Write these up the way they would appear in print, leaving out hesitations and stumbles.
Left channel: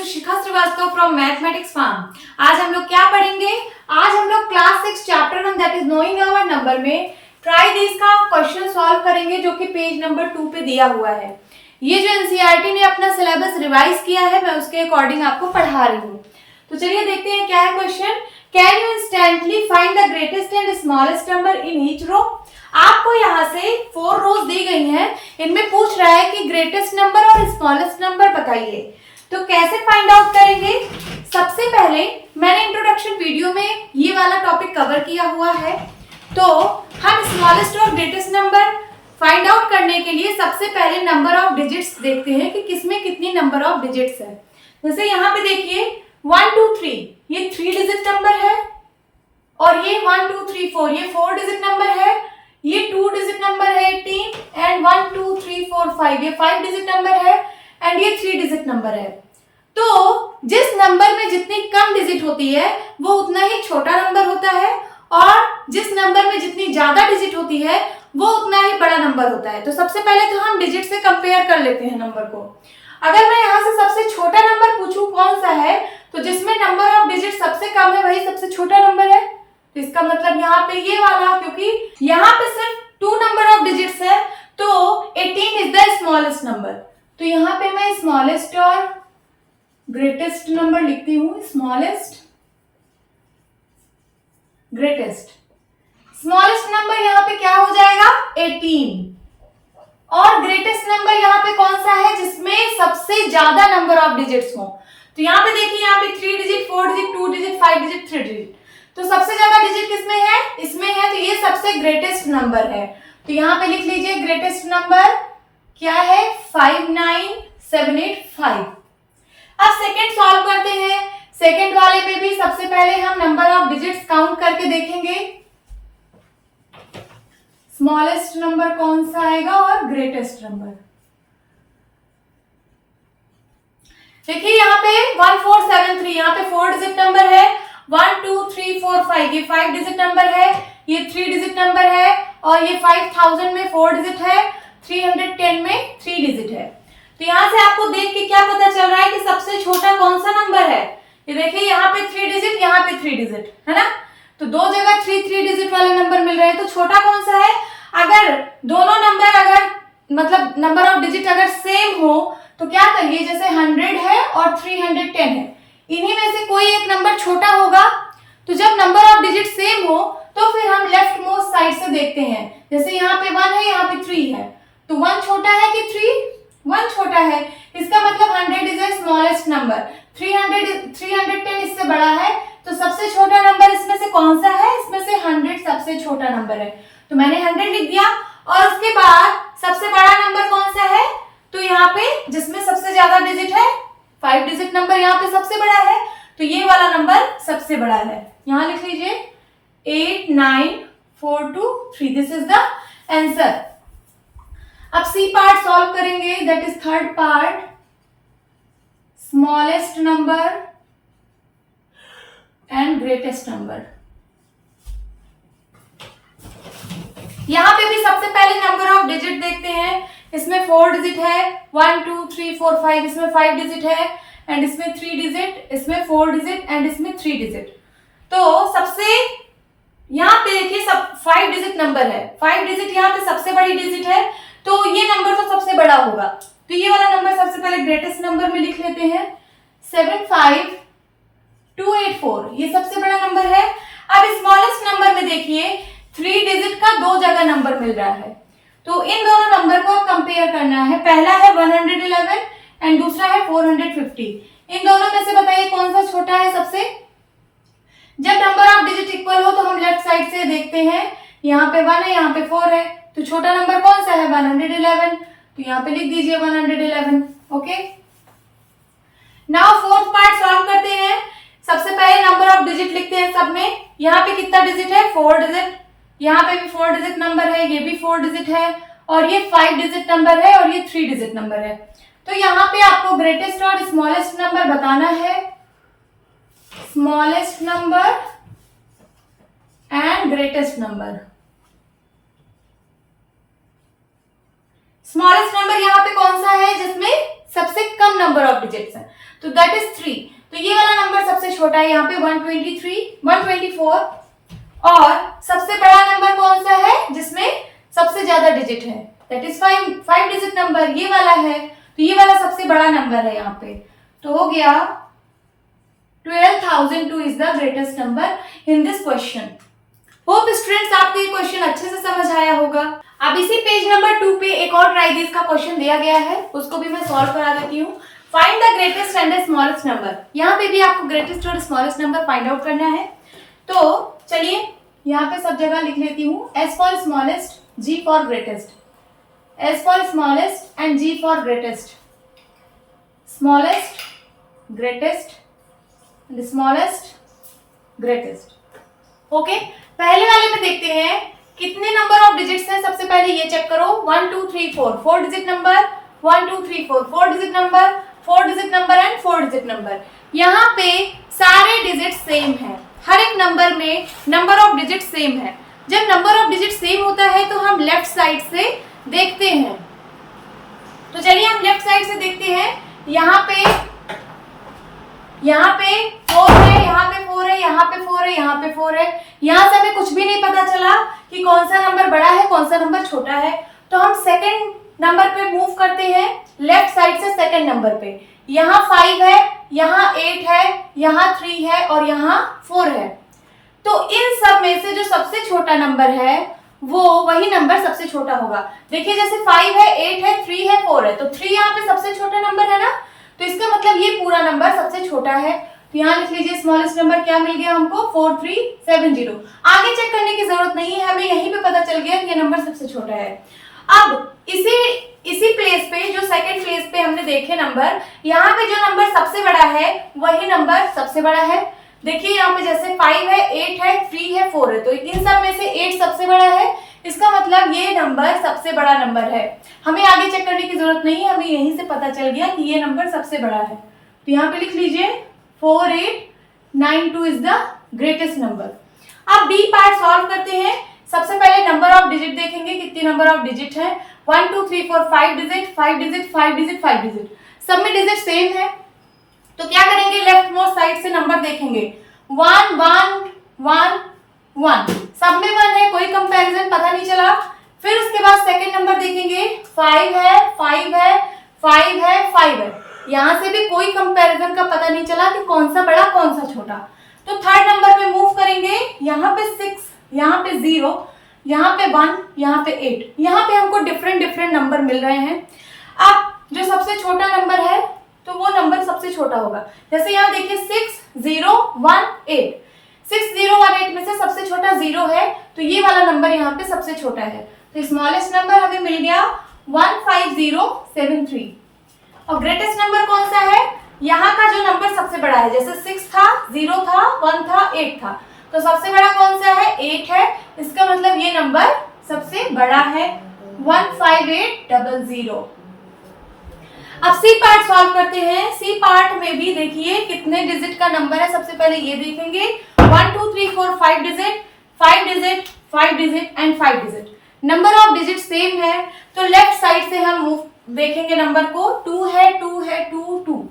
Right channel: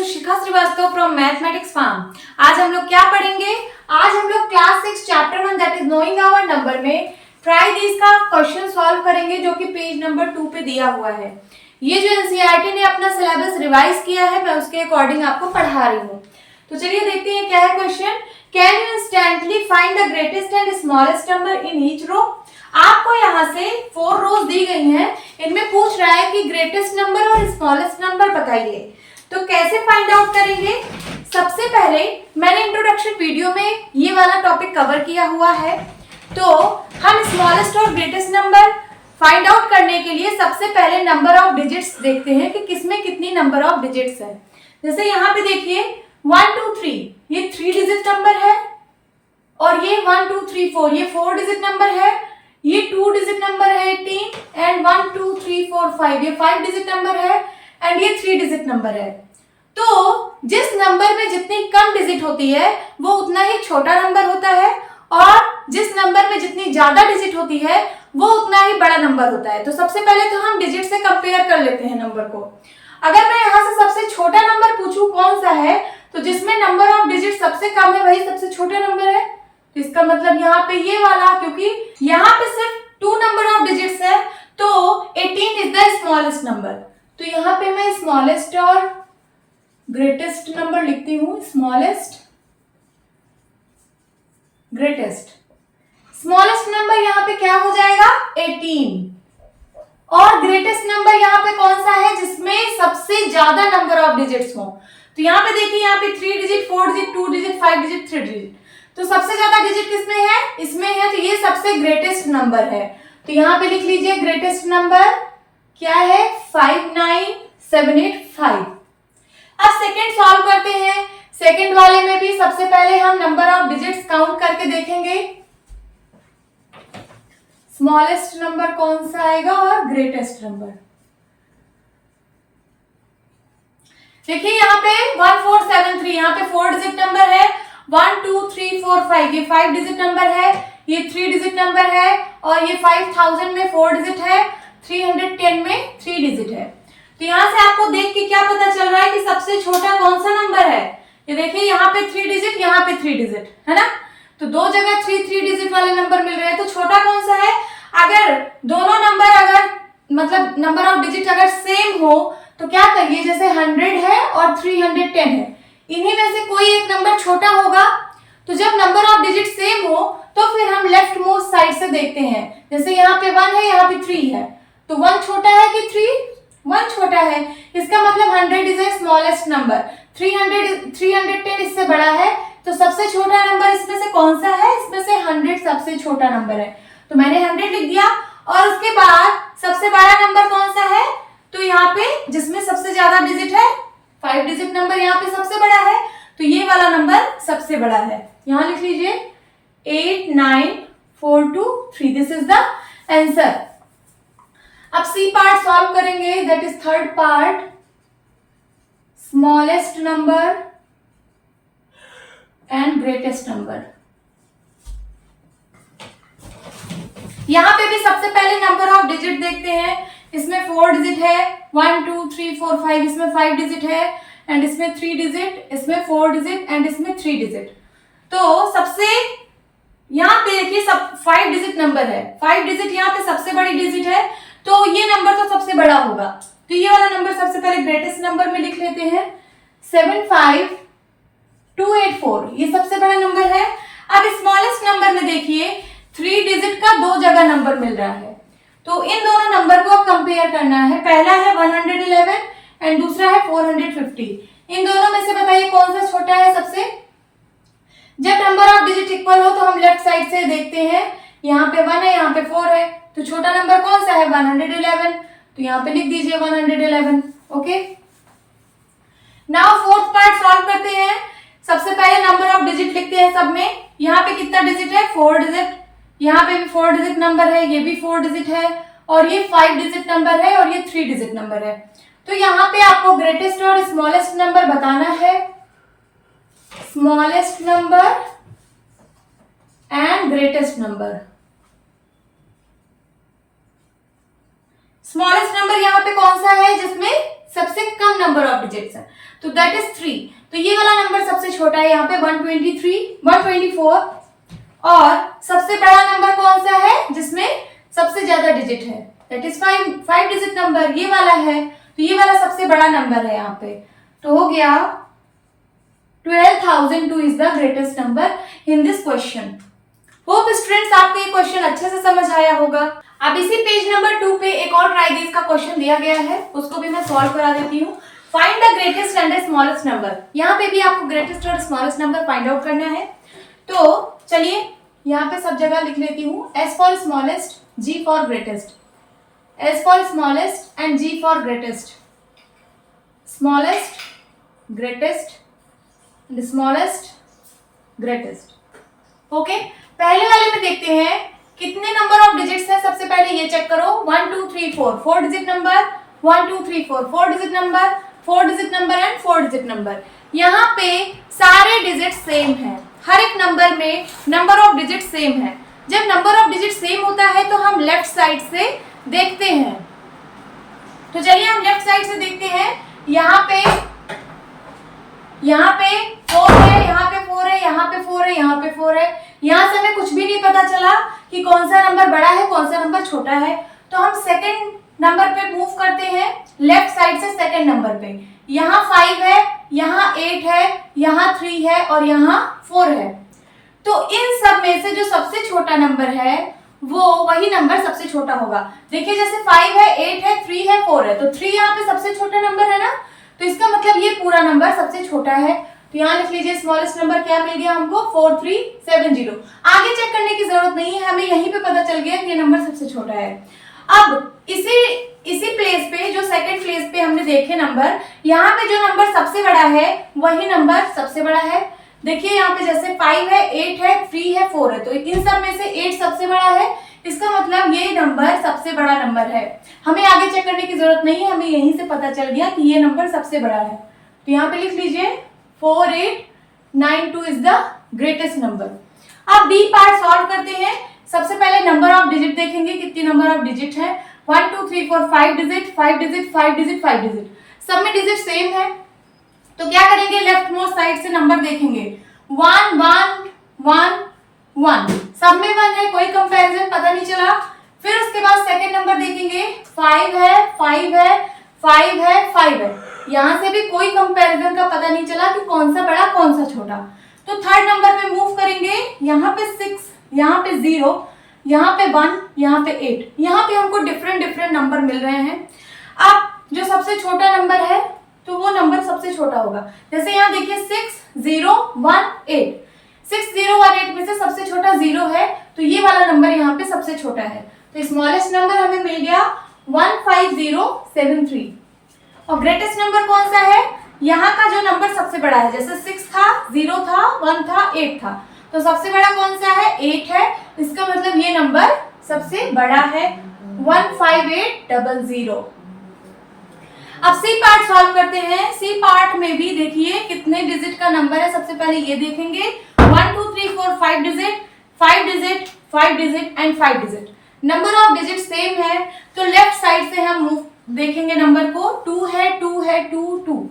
is Shikha Srivastava from Mathematics Farm. आज हम लोग क्या पढ़ेंगे? आज हम लोग class 6 chapter 1 that is knowing our number में ट्राई दिस का क्वेश्चन सॉल्व करेंगे, जो कि पेज नंबर 2 पे दिया हुआ है। ये जो एनसीईआरटी ने अपना सिलेबस रिवाइज किया है, मैं उसके अकॉर्डिंग आपको पढ़ा रही हूँ। तो चलिए देखते हैं क्या है question. Can you instantly find the greatest and smallest number in each row? आपको यहाँ से 4 रोज दी गई हैं, इनमें पूछ रहा है कि ग्रेटेस्ट नंबर और स्मॉलेस्ट नंबर बताइए। तो कैसे फाइंड आउट करेंगे? सबसे पहले मैंने इंट्रोडक्शन वीडियो में ये वाला टॉपिक कवर किया हुआ है। तो हम स्मॉलेस्ट और ग्रेटेस्ट नंबर फाइंड आउट करने के लिए सबसे पहले नंबर ऑफ डिजिट्स देखते हैं कि किसमें कितनी नंबर ऑफ डिजिट्स है। जैसे यहाँ पे देखिए 1 2 3, ये 3 डिजिट नंबर है, और ये 1 2 3 4, ये 4 डिजिट नंबर है, ये 2 डिजिट नंबर है 18, एंड 1 2 3 4 5, ये 5 डिजिट नंबर है, एंड ये 3 डिजिट नंबर है। तो जिस नंबर में जितनी कम डिजिट होती है वो उतना ही छोटा नंबर होता है, और जिस नंबर में जितनी ज्यादा डिजिट होती है वो उतना ही बड़ा नंबर होता है। तो सबसे पहले तो हम डिजिट से कंपेयर कर लेते हैं नंबर को। अगर मैं यहाँ से सबसे छोटा नंबर पूछूं कौन सा है, तो जिसमें नंबर ऑफ डिजिट सबसे कम है वही सबसे छोटा नंबर है। तो इसका मतलब यहाँ पे ये वाला, क्योंकि यहाँ पे सिर्फ 2 नंबर ऑफ डिजिट्स है, तो 18 इज द स्मॉलेस्ट नंबर। तो यहाँ पे मैं स्मॉलेस्ट और ग्रेटेस्ट नंबर लिखती हूँ। Smallest, greatest. स्मॉलेस्ट नंबर यहाँ पे क्या हो जाएगा? 18। और ग्रेटेस्ट नंबर यहाँ पे कौन सा है? जिसमें सबसे ज्यादा नंबर ऑफ डिजिट्स हो। तो यहाँ पे देखिए, यहाँ पे 3 digit, 4 digit, 2 digit, 5 digit, 3 digit. तो सबसे ज्यादा डिजिट किसमें है? इसमें है। तो ये सबसे ग्रेटेस्ट नंबर है। तो यहाँ पे लिख लीजिए ग्रेटेस्ट नंबर क्या है? 59785। अब सेकंड सॉल्व करते हैं। सेकंड वाले में भी सबसे पहले हम नंबर ऑफ डिजिट्स काउंट करके देखेंगे। स्मॉलेस्ट नंबर कौन सा आएगा और ग्रेटेस्ट नंबर। देखिए यहाँ पे 1473, यहाँ पे 4 डिजिट नंबर है। 1 2 3 4 5, ये 5 डिजिट नंबर है, ये 3 डिजिट नंबर है, और ये 5000 में 4 डिजिट है, 310 में 3 डिजिट है। तो यहाँ से आपको देख के क्या पता चल रहा है कि सबसे छोटा कौन सा नंबर है? ये देखिए यहाँ पे 3 डिजिट, यहाँ पे 3 डिजिट है ना। तो दो जगह 3 डिजिट वाले नंबर मिल रहे हैं। तो छोटा कौन सा है? अगर दोनों नंबर अगर मतलब नंबर ऑफ डिजिट अगर सेम हो तो क्या करिए, जैसे 100 है और 310 है, इन्हीं में से कोई एक नंबर छोटा होगा। तो जब नंबर ऑफ डिजिट सेम हो तो फिर हम लेफ्ट मोस्ट साइड से देखते हैं। जैसे यहाँ पे 1 है, यहाँ पे 3 है, तो 1 छोटा है कि 3? 1 छोटा है। इसका मतलब 100 इज ए स्मॉलेस्ट नंबर, 310 इससे बड़ा है। तो सबसे छोटा नंबर इसमें से कौन सा है? इसमें से 100 सबसे छोटा नंबर है। तो मैंने 100 लिख दिया। और उसके बाद सबसे बड़ा नंबर कौन सा है? तो यहाँ पे जिसमें सबसे ज्यादा डिजिट है, 5 डिजिट नंबर यहाँ पे सबसे बड़ा है, तो ये वाला नंबर सबसे बड़ा है। यहाँ लिख लीजिए 89423, दिस इज द आंसर। अब सी पार्ट सॉल्व करेंगे, that is third part. Smallest number and greatest number. यहां पे भी सबसे पहले नंबर ऑफ डिजिट देखते हैं। इसमें 4 डिजिट है, 1 2 3 4 5, इसमें 5 डिजिट है, एंड इसमें 3 डिजिट, इसमें 4 डिजिट, एंड इसमें 3 डिजिट। तो सबसे यहाँ पे देखिए सब 5 डिजिट नंबर है, 5 डिजिट यहाँ पे सबसे बड़ी डिजिट है, तो ये नंबर तो सबसे बड़ा होगा। तो ये वाला नंबर सबसे पहले ग्रेटेस्ट नंबर में लिख लेते हैं। 75284, ये सबसे बड़ा नंबर है। अब स्मॉलेस्ट नंबर में देखिए 3 डिजिट का 2 जगह नंबर मिल रहा है, तो इन दोनों नंबर को कंपेयर करना है। पहला है 111 एंड दूसरा है 450। इन दोनों में से बताइए कौन सा छोटा है सबसे? जब नंबर ऑफ डिजिट इक्वल हो तो हम लेफ्ट साइड से देखते हैं। यहाँ पे 1 है, यहाँ पे 4 है, तो छोटा नंबर कौन सा है? 111। तो यहाँ पे लिख दीजिए 111। Okay, now fourth part solve करते हैं। सबसे पहले नंबर ऑफ डिजिट लिखते हैं सब में। यहाँ पे कितना डिजिट है? 4 डिजिट। यहाँ पे भी 4 डिजिट नंबर है, ये भी 4 डिजिट है, और ये 5 डिजिट नंबर है, और ये 3 डिजिट नंबर है। तो यहाँ पे आपको ग्रेटेस्ट और स्मॉलेस्ट नंबर बताना है। Smallest number and greatest number. Smallest number यहाँ पे कौन सा है? जिसमें सबसे कम नंबर ऑफ डिजिट्स है, तो दैट इज 3। तो ये वाला नंबर सबसे छोटा है यहाँ पे 123, 124। और सबसे बड़ा नंबर कौन सा है जिसमें सबसे ज्यादा डिजिट है, दैट इज 5 डिजिट नंबर, ये वाला है। तो ये वाला सबसे बड़ा नंबर है यहाँ पे। तो हो गया 12,002 is the greatest number in this question. Hope students आपको ये क्वेश्चन अच्छे से समझ आया होगा। अब इसी पेज नंबर 2 पे एक और ट्राई दिस का क्वेश्चन दिया गया है, उसको भी मैं सॉल्व करा देती हूँ। Find the greatest and the smallest number. यहाँ पे भी आपको ग्रेटेस्ट और स्मॉलेस्ट नंबर फाइंड आउट करना है। तो चलिए यहाँ पे सब जगह लिख लेती हूँ, S for smallest, G for greatest, S for smallest and G for greatest, smallest, greatest, smallest, greatest. Okay, पहले वाले में देखते हैं कितने नंबर ऑफ डिजिट्स हैं। सबसे पहले ये चेक करो, 1 2 3 4, 4 digit number, 1 2 3 4, 4 digit number, 4 digit number and 4 digit number. यहाँ पे सारे डिजिट सेम हैं, हर एक नंबर में नंबर ऑफ डिजिट सेम है। जब नंबर ऑफ डिजिट सेम होता है तो हम लेफ्ट साइड से देखते हैं। तो चलिए हम लेफ्ट साइड से देखते हैं। यहाँ पे 4 है, यहाँ पे 4 है, यहाँ पे 4 है, यहाँ पे 4 है। यहाँ से हमें कुछ भी नहीं पता चला कि कौन सा नंबर बड़ा है कौन सा नंबर छोटा है। तो हम सेकंड नंबर पे मूव करते हैं, लेफ्ट साइड से सेकंड नंबर पे। यहाँ 5 है, यहाँ 8 है, यहाँ 3 है और यहाँ 4 है। तो इन सब में से जो सबसे छोटा नंबर है वो वही नंबर सबसे छोटा होगा। देखिए जैसे 5 है, 8 है, 3 है, 4 है, तो 3 यहाँ पे सबसे छोटा नंबर है ना, तो इसका मतलब ये पूरा नंबर सबसे छोटा है। तो यहाँ लिख लीजिए स्मॉलेस्ट नंबर क्या मिल गया हमको, 4370। आगे चेक करने की जरूरत नहीं है, हमें यहीं पे पता चल गया कि ये नंबर सबसे छोटा है। अब इसी प्लेस पे जो सेकंड प्लेस पे हमने देखे नंबर, यहाँ पे जो नंबर सबसे बड़ा है वही नंबर सबसे बड़ा है। देखिए यहाँ पे जैसे 5 है, 8 है, 3 है, 4 है, तो इन सब में से 8 सबसे बड़ा है। इसका मतलब ये नंबर सबसे बड़ा नंबर है। हमें आगे चेक करने की जरूरत नहीं है, हमें यहीं से पता चल गया कि ये नंबर सबसे बड़ा है। तो यहाँ पे लिख लीजिए 4892 इज द ग्रेटेस्ट नंबर। अब बी पार्ट सॉल्व करते हैं। सबसे पहले नंबर ऑफ डिजिट देखेंगे, कितनी नंबर ऑफ डिजिट है। 1 2 3 4 5 डिजिट, 5 डिजिट, 5 डिजिट, 5 डिजिट, सब में डिजिट सेम है। तो क्या करेंगे, लेफ्ट मोस्ट साइड से नंबर देखेंगे, 1 1 1 1, सब में 1 है, कोई कंपैरिजन पता नहीं चला। फिर उसके बाद सेकंड नंबर देखेंगे, 5 है, 5 है, 5 है, 5 है, यहाँ से भी कोई कंपैरिजन का पता नहीं चला कि कौन सा बड़ा कौन सा छोटा। तो थर्ड नंबर पे मूव करेंगे, यहाँ पे 6, यहाँ पे 0, यहाँ पे 1, यहाँ पे 8, यहाँ पे हमको डिफरेंट नंबर मिल रहे हैं। अब जो सबसे छोटा नंबर है तो वो नंबर सबसे छोटा होगा। जैसे यहाँ देखिए 6 0 1 8, 6 0 1 8 में से सबसे छोटा 0 है, तो ये वाला नंबर यहाँ पे सबसे छोटा है। तो स्मॉलेस्ट नंबर हमें मिल गया 15073। और ग्रेटेस्ट नंबर कौन सा है, यहाँ का जो नंबर सबसे बड़ा है, जैसे 6 था, 0 था, 1 था, 8 था, तो सबसे बड़ा कौन सा है, 8 है। इसका मतलब ये नंबर सबसे बड़ा है, 15800। अब सी पार्ट सॉल्व करते हैं। सी पार्ट में भी देखिए कितने डिजिट का नंबर है। सबसे पहले ये देखेंगे, 1 2 3 4 5 digit, 5 digit, 5 digit and 5 digit. Number of digit same है, तो लेफ्ट साइड से हम मूव देखेंगे नंबर को, 2 है, 2 है, 2 2,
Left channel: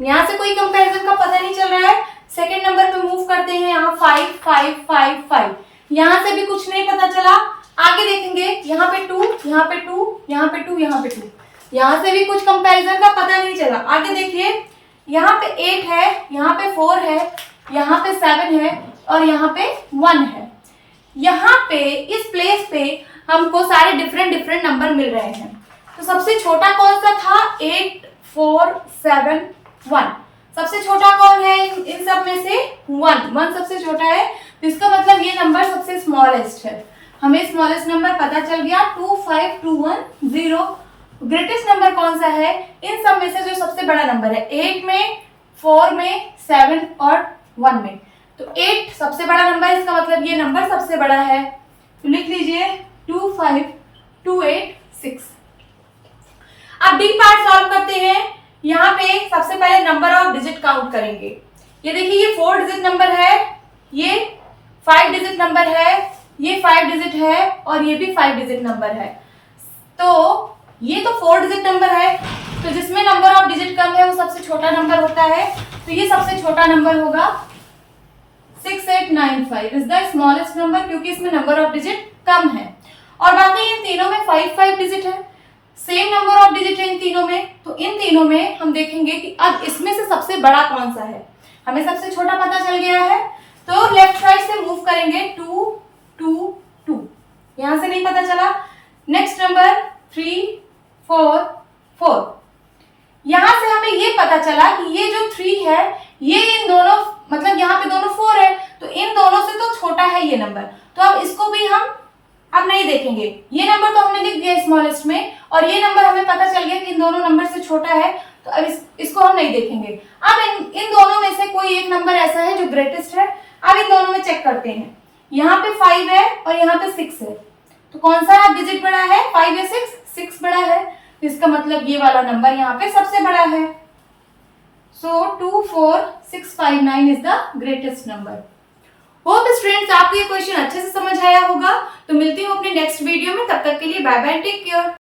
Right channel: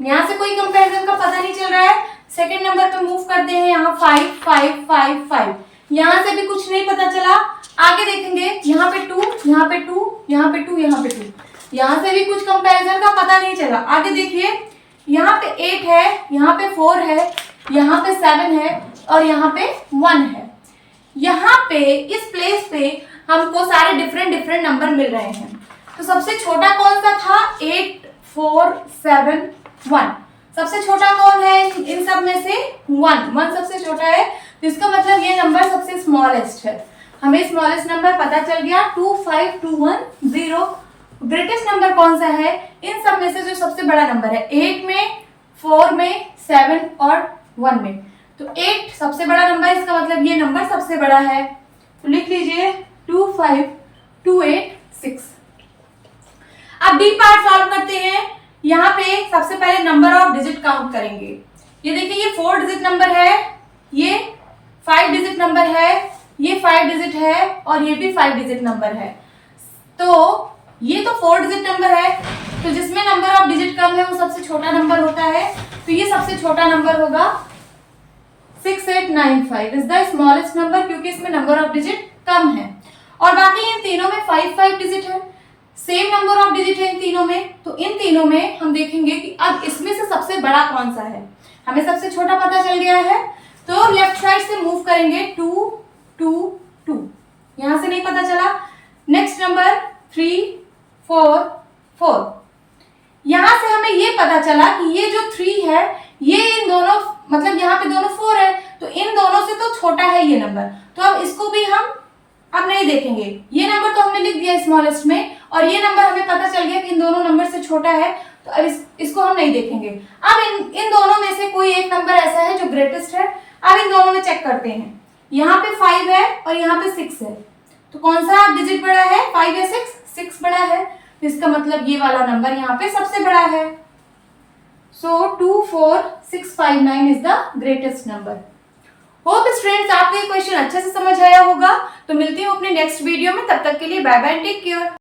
यहाँ से कोई कंपैरिजन का पता नहीं चल रहा है। सेकंड नंबर पे मूव करते हैं, यहाँ 5 5 5 5, यहाँ से भी कुछ नहीं पता चला। आगे देखेंगे, यहाँ पे 2, यहाँ पे 2, यहाँ पे 2, यहाँ पे 2, यहाँ से भी कुछ कंपैरिजन का पता नहीं चला। आगे देखिए, यहाँ पे 8 है, यहाँ पे 4 है, यहाँ पे 7 है और यहाँ पे 1 है। यहाँ पे इस प्लेस पे हमको सारे डिफरेंट नंबर मिल रहे हैं। तो सबसे छोटा कौन सा था, 8 4 7 1। सबसे छोटा कौन है इन सब में से, 1 सबसे छोटा है। तो इसका मतलब ये नंबर सबसे स्मॉलेस्ट है। हमें स्मॉलेस्ट नंबर पता चल गया, 25210। ग्रेटेस्ट नंबर कौन सा है, इन सब में से जो सबसे बड़ा नंबर है, 8 में, 4 में, 7 और 1 में। तो 8 सबसे बड़ा नंबर, इसका मतलब ये नंबर सबसे बड़ा है। तो लिख लीजिए 25286। अब डी पार्ट सॉल्व करते हैं। यहाँ पे सबसे पहले नंबर ऑफ डिजिट काउंट करेंगे। ये देखिए, ये 4 डिजिट नंबर है, ये 5 डिजिट नंबर है, ये 5 डिजिट है और ये भी 5 डिजिट नंबर है। तो ये तो 4 डिजिट नंबर है, तो जिसमें नंबर ऑफ डिजिट कम है वो सबसे छोटा नंबर होता है। तो ये सबसे छोटा नंबर होगा 6895 इज द स्मॉलेस्ट नंबर, क्योंकि इसमें नंबर ऑफ डिजिट कम है। और बाकी इन तीनों में 5 डिजिट है, सेम नंबर ऑफ डिजिट है इन तीनों में। तो इन तीनों में हम देखेंगे कि अब इसमें से सबसे बड़ा कौन सा है। हमें सबसे छोटा पता चल गया है, तो लेफ्ट साइड से मूव करेंगे 2 2 2, यहां से नहीं पता चला। नेक्स्ट नंबर 3 4 4, यहां से हमें ये पता चला कि ये जो 3 है ये इन दोनों, मतलब यहाँ पे दोनों 4 है, तो इन दोनों से तो छोटा है ये नंबर। तो अब इसको भी हम अब नहीं देखेंगे, ये नंबर तो हमने लिख दिया स्मॉलेस्ट में, और ये नंबर हमें पता चल गया कि इन दोनों नंबर से छोटा है, तो अब इसको हम नहीं देखेंगे। अब इन दोनों में से कोई एक नंबर ऐसा है जो ग्रेटेस्ट है। अब इन दोनों में चेक करते हैं, यहाँ पे 5 है और यहाँ पे 6 है, तो कौन सा डिजिट बड़ा है, 5 या 6? 6 बड़ा है, तो इसका मतलब ये वाला नंबर यहाँ पे सबसे बड़ा है। सो 24659 is the greatest number. Hope students आपको ये क्वेश्चन अच्छे से समझ आया होगा। तो मिलती हूँ अपने नेक्स्ट वीडियो में, तब तक के लिए बाय बाय, टेक केयर।